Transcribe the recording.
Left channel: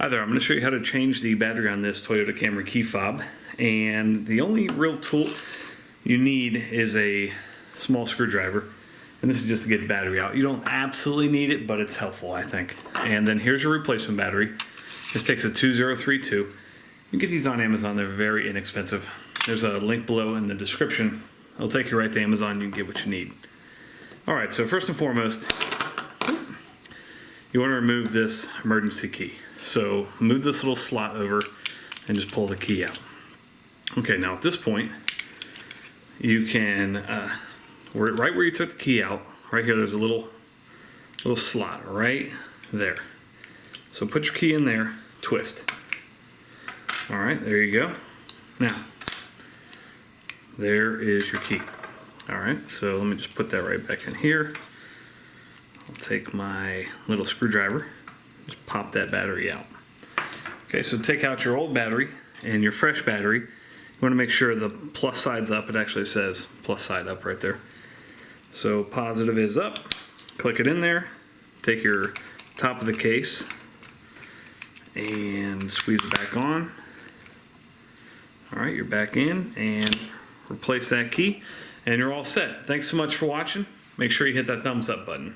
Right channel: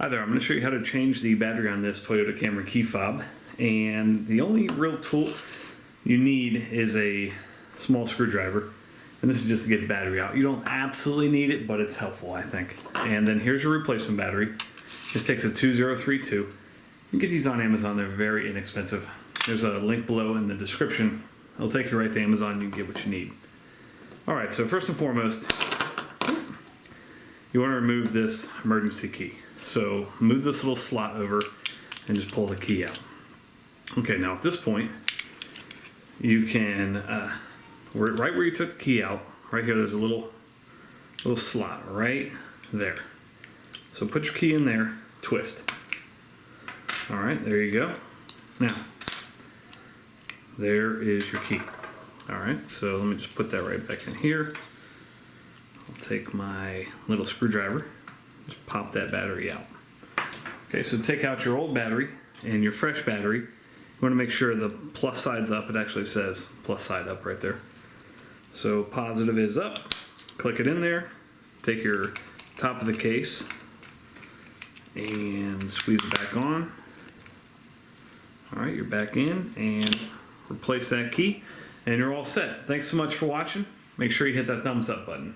Hi there, I'm going to show you how to change the battery on this Toyota Camry key fob. And the only real tool you need is a small screwdriver. And this is just to get the battery out. You don't absolutely need it, but it's helpful, I think. And then here's your replacement battery. This takes a 2032. You can get these on Amazon, they're very inexpensive. There's a link below in the description. It'll take you right to Amazon, you can get what you need. Alright, so first and foremost, you want to remove this emergency key. So move this little slot over and just pull the key out. Okay, now at this point, you can, right where you took the key out, right here, there's a little slot right there. So put your key in there, twist. All right, there you go. Now, there is your key. All right, so let me just put that right back in here. I'll take my little screwdriver, just pop that battery out. Okay, so take out your old battery and your fresh battery. You want to make sure the plus side's up. It actually says plus side up right there. So positive is up. Click it in there. Take your top of the case and squeeze it back on. All right, you're back in, and replace that key, and you're all set. Thanks so much for watching. Make sure you hit that thumbs up button.